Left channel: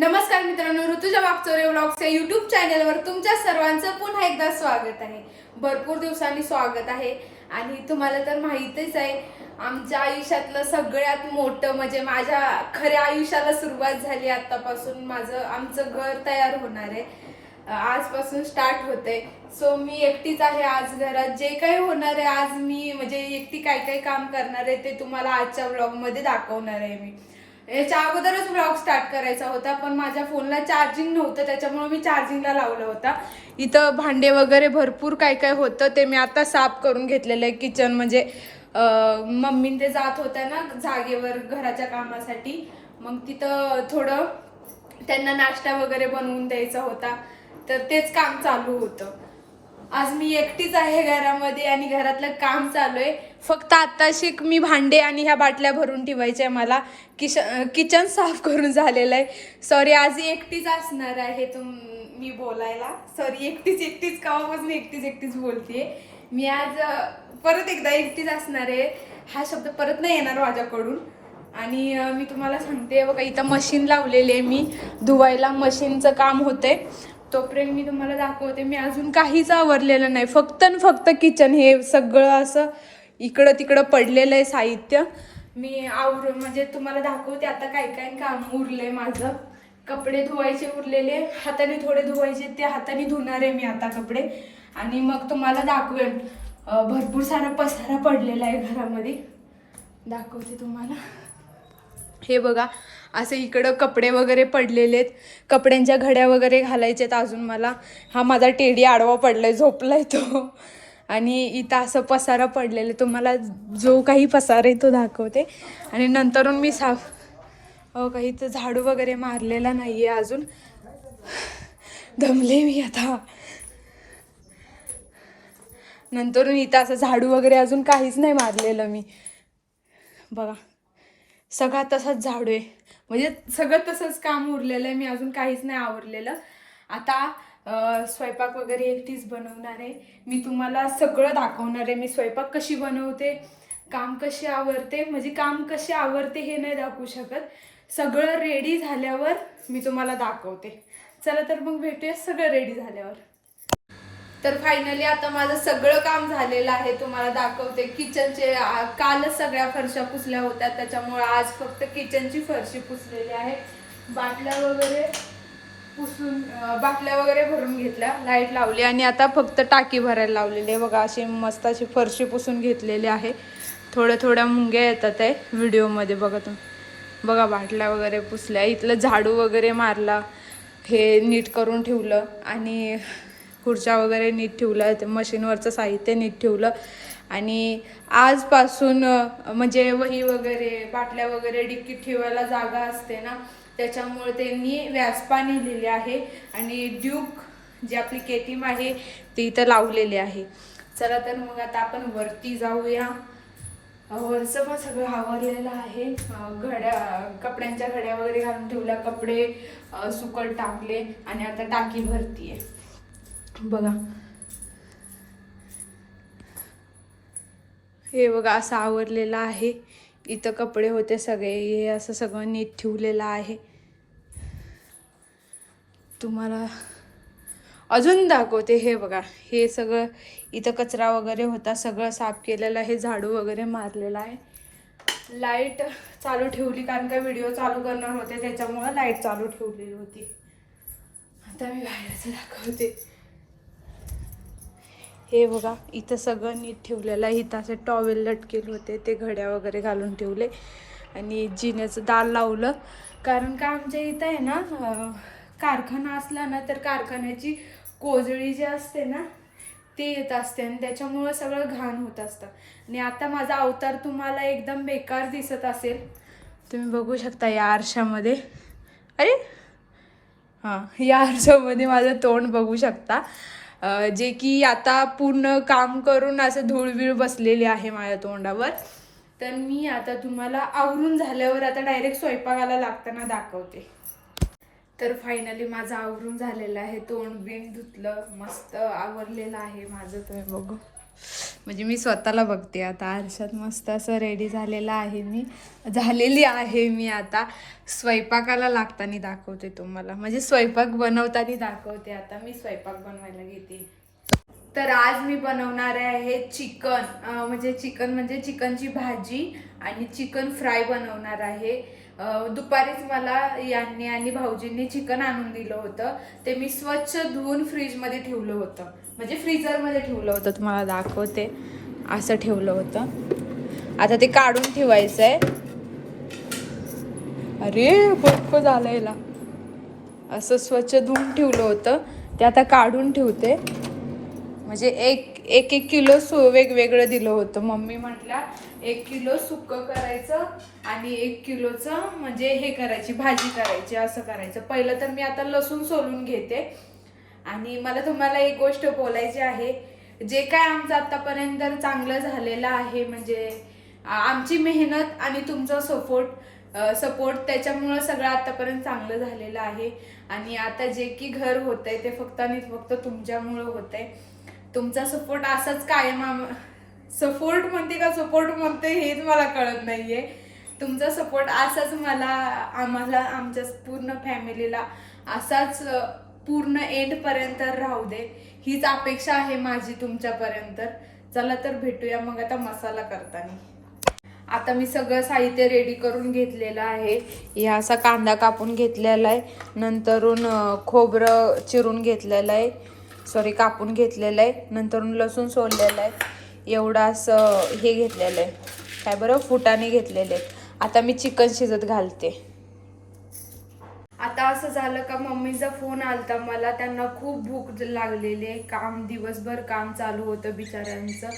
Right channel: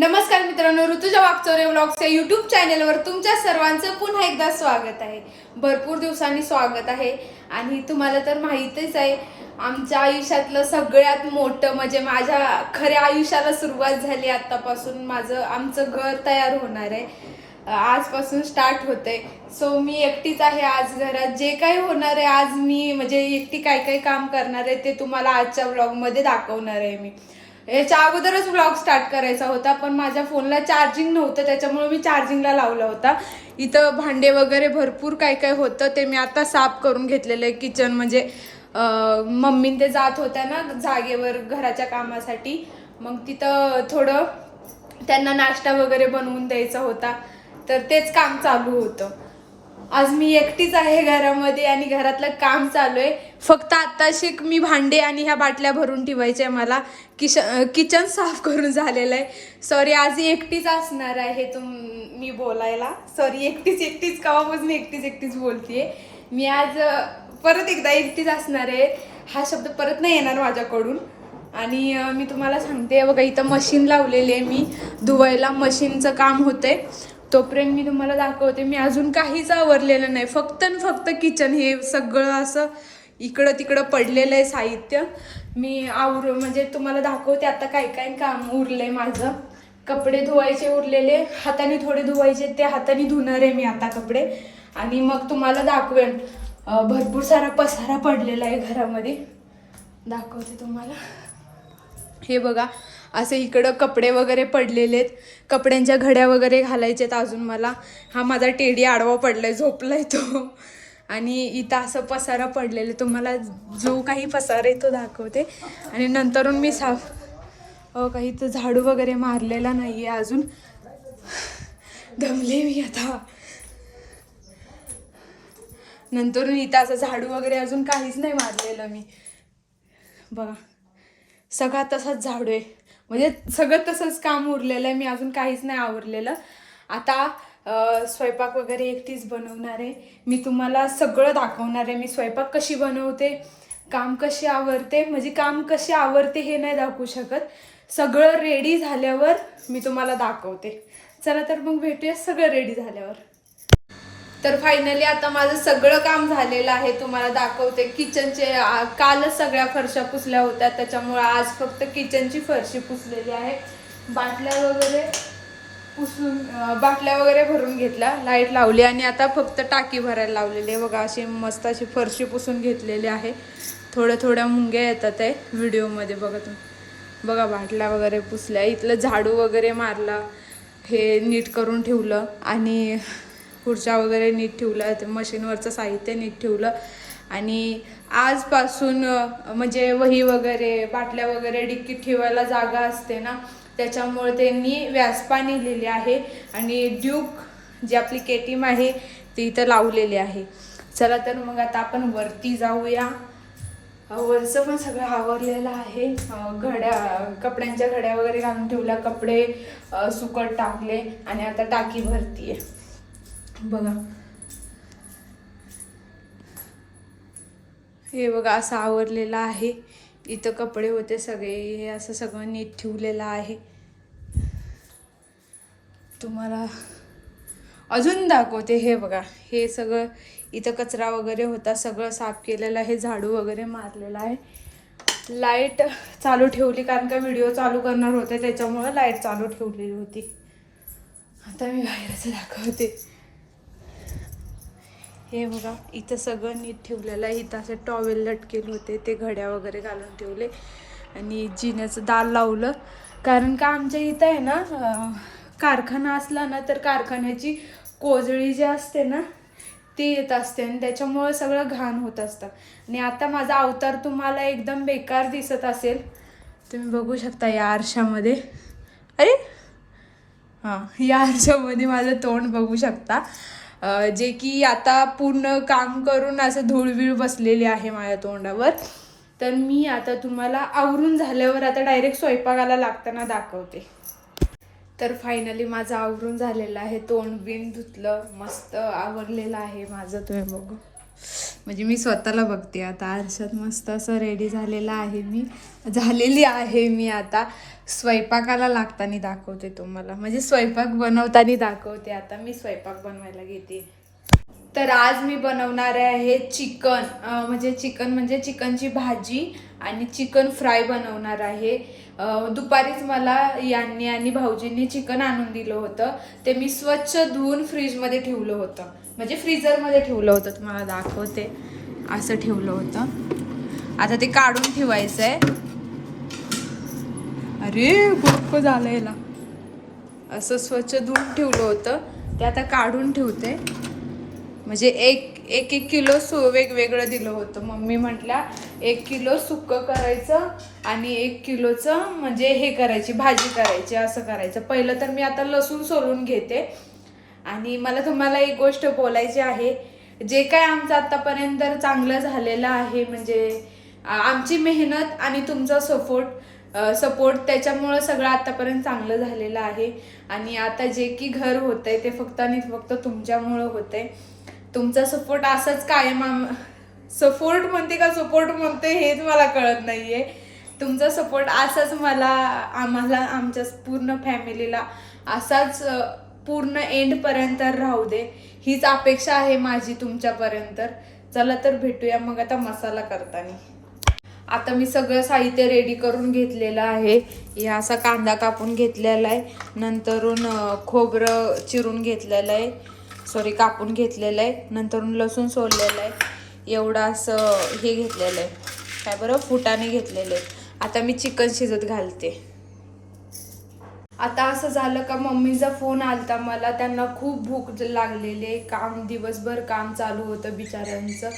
नमस्कार मित्रांनो ऋतुजा वागचोरे व्लॉग्सच्या युट्यूब चॅनलवर तुमच्या सर्वांचं पुन्हा एकदा स्वागत आहे. भरपूर दिवसांनी स्वागत आहे. आणि तुम्हाला तर माहीतच आहे आमच्या आयुष्यातलं सगळ्यात मोठं म्हणजे माझ्या खऱ्या आयुष्याला सुरुवात झाली आत्तापासून. माझं आमचं घर तयार होणार आहे. आजपासून स्टार्ट होते सो मी एकटीच आहे आज घरात. जे काही होणार आहे आज मी म्हणजे एकटी काय काय काम करणार आहे ते तुम्हाला आजच्या व्लॉगमध्ये दाखवणार आहे मी. याच्या अगोदरच ब्लॉग स्टार्ट करायचा होता पण माझ्या फोनला चार्जिंग नव्हतं त्याच्यामुळे मी चार्जिंगला लावला होता. इथं भांडे वगैरे भरपूर काय काय होतं ते मी आता साफ करून घेतलेलं आहे किचन म्हणजे अं, मम्मीन ते जात होत्या ना जागेवर घराच्या कामासाठी मग तिथं थोडं त्यांना नाश्ता वगैरे बनवून द्यायचा होता. तर तेच काम चालू होतं. आज मी एकटीच आहे घरामध्ये आणि घरातलं काम चालू आहे. फक्त आत्ताशी मी भांडे आणि ह्या बाटल्या भरून ठेवायच्या आहे मला. किश किचन साफ करून झालेलं आहे. सॉरी आज एकटीच असणार आहे तुम मी बोलायला. सॉरी एकटीच एकटीच कवापासून एकटीच एकटीच बोलतीये. मी आज परत एकदा एकटीच असणार आहे. हा शब्द परत नाही येणार माझ्याकडून. आणि मी तुम्हाला सांगते बघा इथं मशीन लावलेली आहे मी. धुवायला मशीनचं काम होतंय. तोपर्यंत मी तुम्हाला दाखवते मी अजून काहीच आवरलेलं नाही. फक्त आणि फक्त किचन हे सगळं असं इकडं तिकडं पडलेलं आहे साहित्य. मी आवर म्हणजे तुम्हाला दाखवते आता काय काय काम उरलंय माझं. कपडे धुवायचे उरलेले हाताने थोडे धुवायचे ते हाताने धुणार आहे मी आता कपडे. आणि मग तुम्हाला दाखवेन. भरपूर सारा पसारा पडलेला आहे घरामध्ये. दाखवते तुम्हाला. हे बघा असे इकडं कपडे वगैरे पडलेले आहेत कपड्यांच्या घड्या वगैरे घालायचे आहेत अजून मला. हा माझा टेडी आडवा पडलाय झोपलाय तो. आणि इथं असं पसारा पडलेलं आहे. तुम्हाला जो काही पसारा आहे तो दाखवते. आणि नंतरून मी साफ अहो काही तर झाडू वगैरे मारलेला नाही आहे अजून. दमले मी आता. नंतरून इथं असं झाडू वगैरे अजून काहीच नाही मारलेलं मी. बघा. सगळा तसाच झाडू आहे. म्हणजे सगळं तसंच काम उरलेलं आहे. मी अजून काहीच नाही आवरलेलं. आता स्वयंपाक वगैरे एकटीच बनवणार आहे. मी तुम्हाला सगळं दाखवणार आहे. मी स्वयंपाक कशी बनवते काम कसे आवरते म्हणजे काम कसे आवरते हे नाही दाखवू शकत. सगळं रेडी झाल्यावर मी तुम्हाला दाखवते. चला तर मग भेटूया सगळं रेडी झाल्यावर. तर फायनली आता माझं सगळं काम झालेलं आहे. तुम्हाला दाखवते किचनचे आ, कालच सगळ्या फरशा पुसल्या होत्या. त्याच्यामुळं आज फक्त किचनची फरशी पुसलेली आहे. बाटल्या वगैरे पुसून बाटल्या वगैरे भरून घेतल्या. लाइट लावली आणि आता फक्त टाकी भरायला लावलेली आहे. बघा अशी मस्त अशी फरशी पुसून घेतलेली आहे. थोड्या थोड्या मुंग्या येतात आहे व्हिडिओमध्ये. बघा तुम्ही. बघा बाटल्या वगैरे पुसल्या. इथलं झाडू वगैरे मारला. हे नीट करून ठेवलं. आणि खुर्च्या वगैरे नीट ठेवलं ते मशीनवरचं साहित्य नीट ठेवलं. आणि आजपासून म्हणजे वही वगैरे बाटल्या वगैरे डिक्कीत ठेवायला जागा असते ना त्याच्यामुळे त्यांनी व्यासपाणी लिहिलेली आहे. आणि ड्यूक जी आपली केटीम आहे ती इथं लावलेली आहे. चला तर मग आता आपण वरती जाऊया. वरचं पण सगळं आवरलेलं आहे. घड्या कपड्यांच्या घड्या वगैरे घालून ठेवल्या कपडे सुकट टाकले. आणि आता टाकी भरती आहे बघा. हे बघा असं आवरलेलं आहे. इथं कपडे होते सगळे. हे असं सगळं नीट ठेवलेलं आहे. तुम्हाला अजून दाखवते हे बघा. हे सगळं इथं कचरा वगैरे होता. सगळं साफ केलेलं आहे. झाडू वगैरे मारलेलं आहे. लाइट चालू ठेवली कारण का व्हिडिओ चालू करणार होते. त्याच्यामुळं लाइट चालू ठेवलेली होती. आता मी बाहेरचं दाखवते. हे बघा इथं सगळं नीट ठेवलेलं आहे. इथं असे टॉवेल लटकेले होते ते घड्या वगैरे घालून ठेवले. आणि जिन्याचं दाल लावलं. कारण का आमच्या इथं आहे ना कारखाना असला ना तर कारखान्याची कोजळी जी असते ना ते येत असते आणि त्याच्यामुळं सगळं घाण होत असतं. आणि आता माझा अवतार तुम्हाला एकदम बेकार दिसत असेल. तुम्ही बघू शकता या आरशामध्ये. अरे! हां या आरशामध्ये माझं तोंड बघू शकता. जे की आता पूर्ण काम करून असं धूळवीळ बसलेली आहे माझ्या तोंडावर. तर मी आता तुम्हाला आवरून झाल्यावर आता डायरेक्ट स्वयंपाकाला लागताना दाखवते. तर फायनली माझं आवरून झालेलं आहे. तोंड बिन धुतलं. मस्त आवरलेलं आहे माझं. तुम्ही बघू. म्हणजे मी स्वतःला बघते आता. आरशात मस्त असं रेडी झालेला आहे मी. झालेली आहे मी आता. स्वयंपाकाला लागताना दाखवते तुम्हाला. म्हणजे स्वयंपाक बनवताना दाखवते आता. मी स्वयंपाक बनवायला घेते. तर आज मी बनवणार आहे चिकन. म्हणजे चिकन म्हणजे चिकनची भाजी आणि चिकन फ्राय बनवणार आहे. दुपारीच मला यांनी आणि भाऊजींनी चिकन आणून दिलं होतं. ते मी स्वच्छ धुवून फ्रीजमध्ये ठेवलं होतं. म्हणजे फ्रीजरमध्ये ठेवलं होतं तुम्हाला दाखवते. असं ठेवलं होतं. आता ते काढून ठेवायचं आहे अरे बर्फ झालं याला. असं स्वच्छ धुवून ठेवलं होतं. ते आता काढून ठेवते. म्हणजे एक एक एक किलो सु वेगवेगळं दिलं होतं. मम्मी म्हटल्या एक किलो सुकं करायचं आणि एक किलोचं म्हणजे हे करायची भाजी करायची असं करायचं. पहिलं तर मी आता लसूण सोलून घेते. आणि मला तुम्हाला एक गोष्ट बोलायची आहे. जे काय आमचं आतापर्यंत चांगलं झालेलं आहे म्हणजे आमची मेहनत आणि तुमचा सपोर्ट सपोर्ट त्याच्यामुळं सगळं आतापर्यंत चांगलं झालेलं आहे. आणि आता जे की घर होतंय ते फक्त आणि फक्त तुमच्यामुळं होतंय. तुमचा सपोर्ट असाच कायम आम सपोर्ट म्हणते का सपोर्ट म्हणते हेच मला कळत नाही आहे तुमचा सपोर्ट असाच मला आम्हाला आमच्या पूर्ण फॅमिलीला असाच पूर्ण एंडपर्यंत राहू दे. हीच अपेक्षा आहे माझी तुमच्यापर्यंत. चला तर भेटूया मग आता मसाला करताना. आता मी सगळं साहित्य रेडी करून घेतलेलं आहे. ह्या असा कांदा कापून घेतलेला आहे. नंतरून खोबरं चिरून घेतलेलं आहे. सॉरी कापून घेतलेलं आहे. नंतरून लसूण सोललेलं आहे. एवढं असं हे घेतलेलं आहे. काय बरं? फुटाने घेतलेले आहेत. आता मी चिकन शिजत घालते. आता असं झालं का मम्मीचा फोन आलता मला त्यांना खूप भूक लागलेली आहे. काम दिवसभर काम चालू होतं बिचाऱ्यांचं.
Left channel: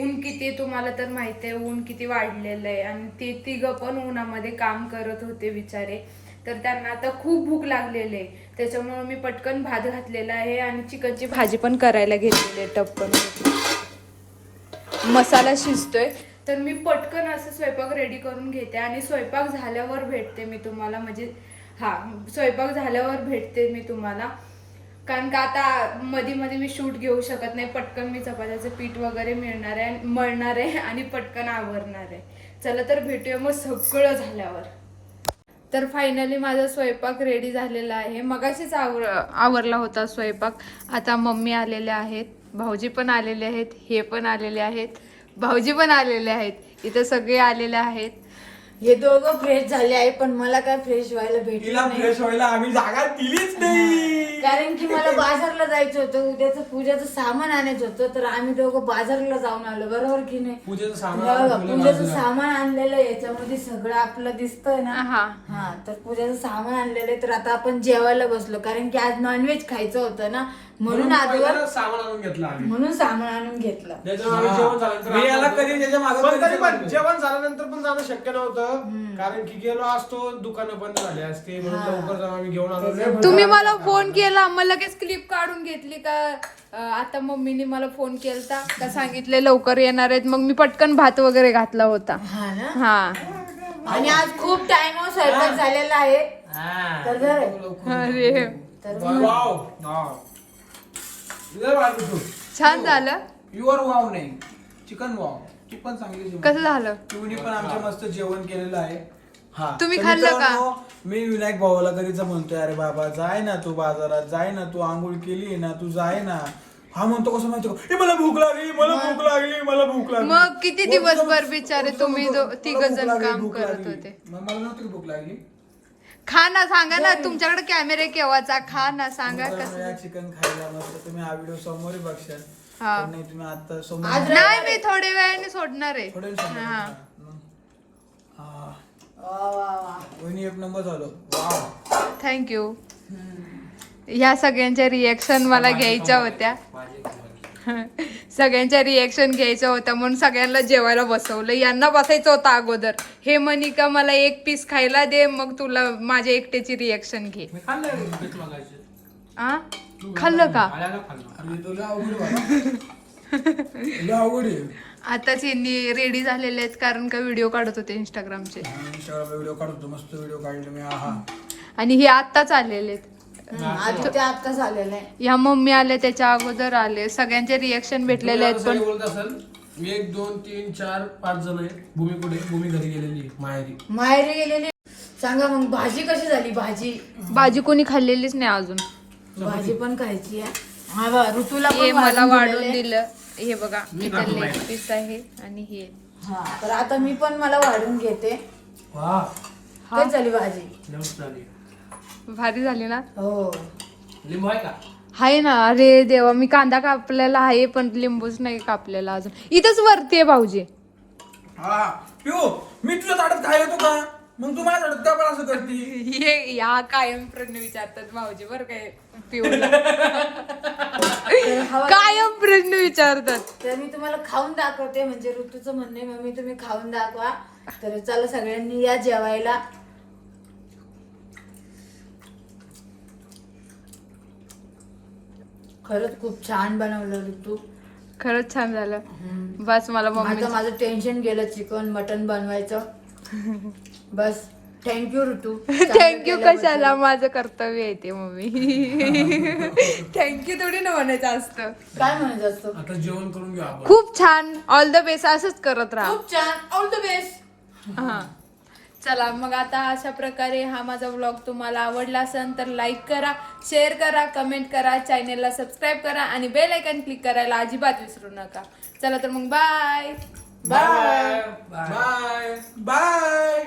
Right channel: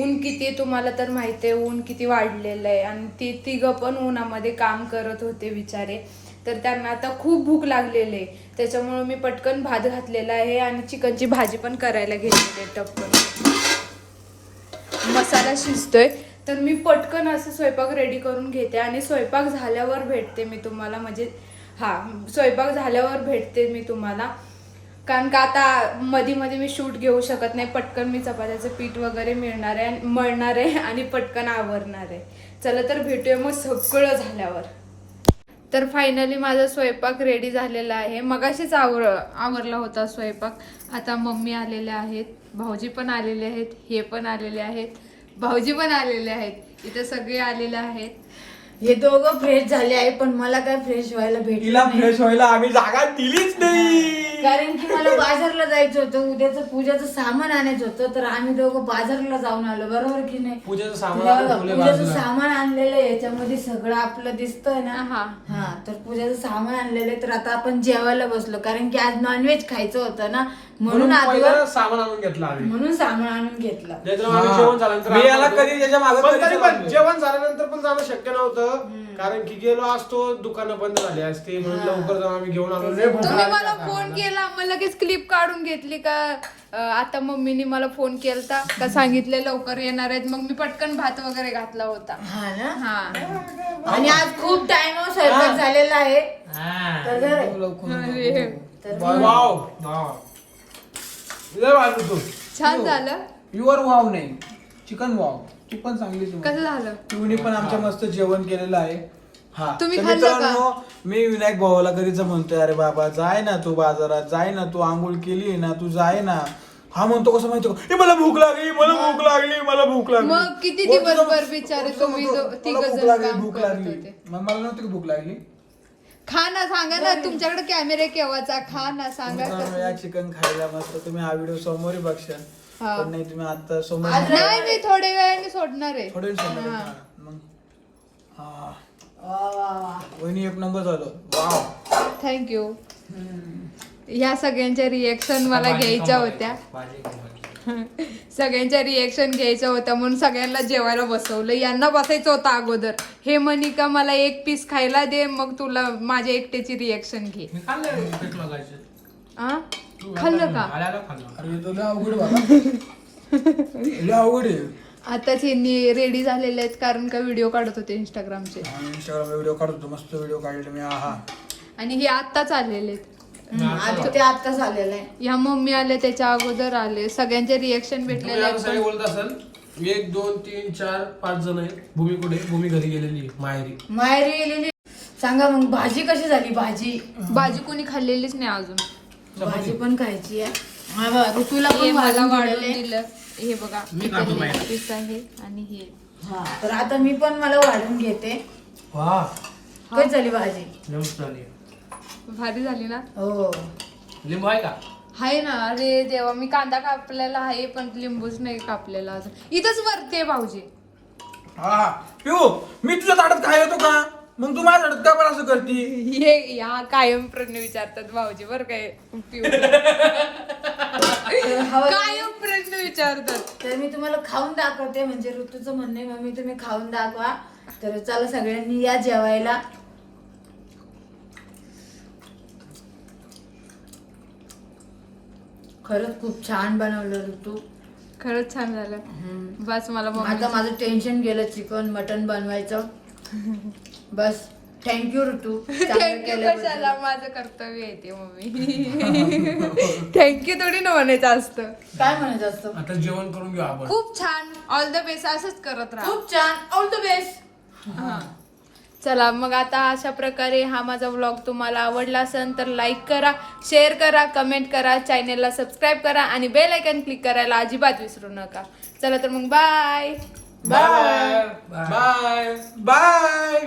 ऊन किती तुम्हाला तर माहिती आहे ऊन किती वाढलेलं आहे. आणि ते तिघं पण उन्हामध्ये काम करत होते बिचारे. तर त्यांना आता खूप भूक लागलेली आहे. त्याच्यामुळं मी पटकन भात घातलेला आहे आणि चिकनची भाजी पण करायला घेतलेली आहे टपकन. मसाला शिजतोय. तर मी पटकन असं स्वयंपाक रेडी करून घेते आणि स्वयंपाक झाल्यावर भेटते मी तुम्हाला. म्हणजे हा स्वयंपाक झाल्यावर भेटते मी तुम्हाला. कारण का आता मध्ये मध्ये मी शूट घेऊ शकत नाही पटकन मी चपात्याचं पीठ वगैरे मिळणार आहे मळणार आहे आणि पटकन आवरणार आहे. चला तर भेटूया मग सगळं झाल्यावर. तर फायनली माझा स्वयंपाक रेडी झालेला आहे. मगाशीच आवर आवरला होता स्वयंपाक. आता मम्मी आलेल्या आहेत भाऊजी पण आलेले आहेत हे पण आलेले आहेत भाऊजी पण आलेले आहेत. इथं सगळे आलेले आहेत. हे दोघं फ्रेश झाले आहे पण मला काय फ्रेश व्हायला भेटलं तिला नाही. फ्रेश व्हायला आम्ही जागा दिलीच नाही. कारण की मला बाजारला जायचं होतं उद्याचं पूजाचं सामान आणायचं होतं तर आम्ही दोघं बाजारला जाऊन आलो बरोबर की नाही? पूजेचं सामान बघा, आता ठेवलंय पूजाचं बाजूला. सामान आणलेलं आहे याच्यामध्ये सगळं आपलं दिसतंय ना. हा. हा तर पूजाचं सामान आणलेलं आहे तर आता आपण जेवायला बसलो कारण की आज नॉनव्हेज खायचं होतं ना. म्हणून आजवर पहिलं सामान आणून घेतलं आम्ही. म्हणून सामान आणून घेतलं. नाहीतर आम्ही जेवण झाल्यानंतर मी आणलं याला होतं. कधी त्याच्या मागं पण कधी तरी पण जेवण जेवण झाल्यानंतर पण जाणं शक्य नव्हतं. कारण की गेलो असतो दुकानं बंद झाली असते म्हणून लवकर जाऊन आम्ही घेऊन आलो. लय तुम्ही. मला फोन केला मग लगेच क्लिप काढून घेतली का अं, आता मम्मीने मला फोन केलता का सांगितले लवकर येणार आहेत मग मी पटकन भात वगैरे घातला होता. हा ना? हा. आणि आज खूप टाइम स्वयंपाक झालेला आहे. तर जर- अरे. वाव हा. लय भारी तू छान झालं. प्युअर वाव नाही चिकन वाव तू पण चांगली जेवण. कसं झालं? तुम्ही पण आमच्या मस्त जेवण केलेलं आहे. हा. तुम्ही तर खाल्लं का? मित्रांनो, मी विनायक भावाला कधीच म्हणतोय अरे बाबा जाय ना तू बाजारात जाय ना तू आंघोळ केली ना तू जाय ना. हा म्हणतो कसं माहिती का? "ए, मला भूक लागली मला भूक लागली मला भूक लागली. मग किती जाऊन- दिवसभर बिचारे तुम्ही म्हणतो, दो- "मला तिघं भूक जण लागली, काम भूक करत लागली." होते. मग मला नव्हती का भूक लागली? खा ना सांगा ना तुमच्याकडे कॅमेरे केव्हाचा? खा ना सांगा कसं? चिकन खायला मस्त तुम्ही हा व्हिडिओ समोरही बघशाल. हा. पण नाही तुम्ही आता समोर नाही. मी थोड्या वेळाने सोडणार आहे. थोडे दिवसांनी. हा. हा, मग. हा. वा, वा, वा. वहिनी एक नंबर झालं. वाव. थँक्यू ह्या सगळ्यांच्या रिएक्शन मला घ्यायच्या होत्या. सगळ्यांच्या रिएक्शन घ्यायच्या होत्या म्हणून सगळ्यांना जेवायला बसवलं. यांना बसायचं होतं अगोदर. हे म्हणी का मला एक पीस खायला दे मग तुला माझ्या एकट्याची रिएक्शन घे. मी खाल्लं आ? खाल्लं का? अवघड आहे. आताच यांनी रेडी झालेले आहेत कारण का व्हिडिओ काढत होते इंस्टाग्रामचे इंस्टाग्राम व्हिडिओ काढतो मस्त व्हिडिओ काढले मी हा आणि हे आत्ताच आलेले आहेत. आज ते आत्ताच आलेलं आहे. ह्या मम्मी आले त्याच्या अगोदर आले. सगळ्यांचे रिएक्शन भेटलेले आहेत पण बोलत असेल एक दोन तीन चार पाच जण आहेत भूमी कुठे भूमी घरी गेलेली आहे, माहेरी. माहेरी गेलेली सांगा मग भाजी कशी झाली भाजी? भाजी कोणी खाल्लेलीच नाही अजून. भाजी पण खायची आहे. हा ऋतूला हे मला वाढून. दिलं. हे बघा piece आहे आणि हे. हा तर आता मी पण मला वाढून घेते. काय झाली भाजी? भारी झाली ना? हो. लिंबू आहे का? आहे ना. अरे देवा मी कांदा कापलेला आहे पण लिंबूच नाही कापलेला अजून. इथंच वरती आहे भाऊजी. हा. मी तुझ्या ताटात काय येतो का? मग तू माझ्या का पण असं करती? हे या कायम प्रश्न विचारतात भाऊजी बर काय पिऊला. कायम प्रश्न विचारतात. तर मी तुम्हाला खाऊन दाखवते म्हणजे ऋतूचं म्हणणे मम्मी तुम्ही खाऊन दाखवा. तर चला सगळ्यांनी या जेवायला. खरंच खूप छान बनवलं ऋतू. खरंच छान झालं. बस मला मम्मी आता माझं टेन्शन गेलं चिकन मटन बनवायचं. बस. थँक्यू ऋतू. थँक्यू. कशाला? माझं कर्तव्य आहे ते मम्मी. थँक्यू थोडी ना म्हणायचं असतं. काय म्हणायचं असतं? आता जेवण करून घेऊ आपण. खूप छान. ऑल द बेस्ट असंच करत राहा. खूप छान. ऑल द बेस्ट हा. चला मग आता अशा प्रकारे हा माझा व्लॉग तुम्हाला आवडला असेल तर लाईक करा शेअर करा कमेंट करा चॅनेलला सबस्क्राईब करा आणि बेल आयकन क्लिक करायला अजिबात विसरू नका. चला तर मग बाय बाय बाय बाय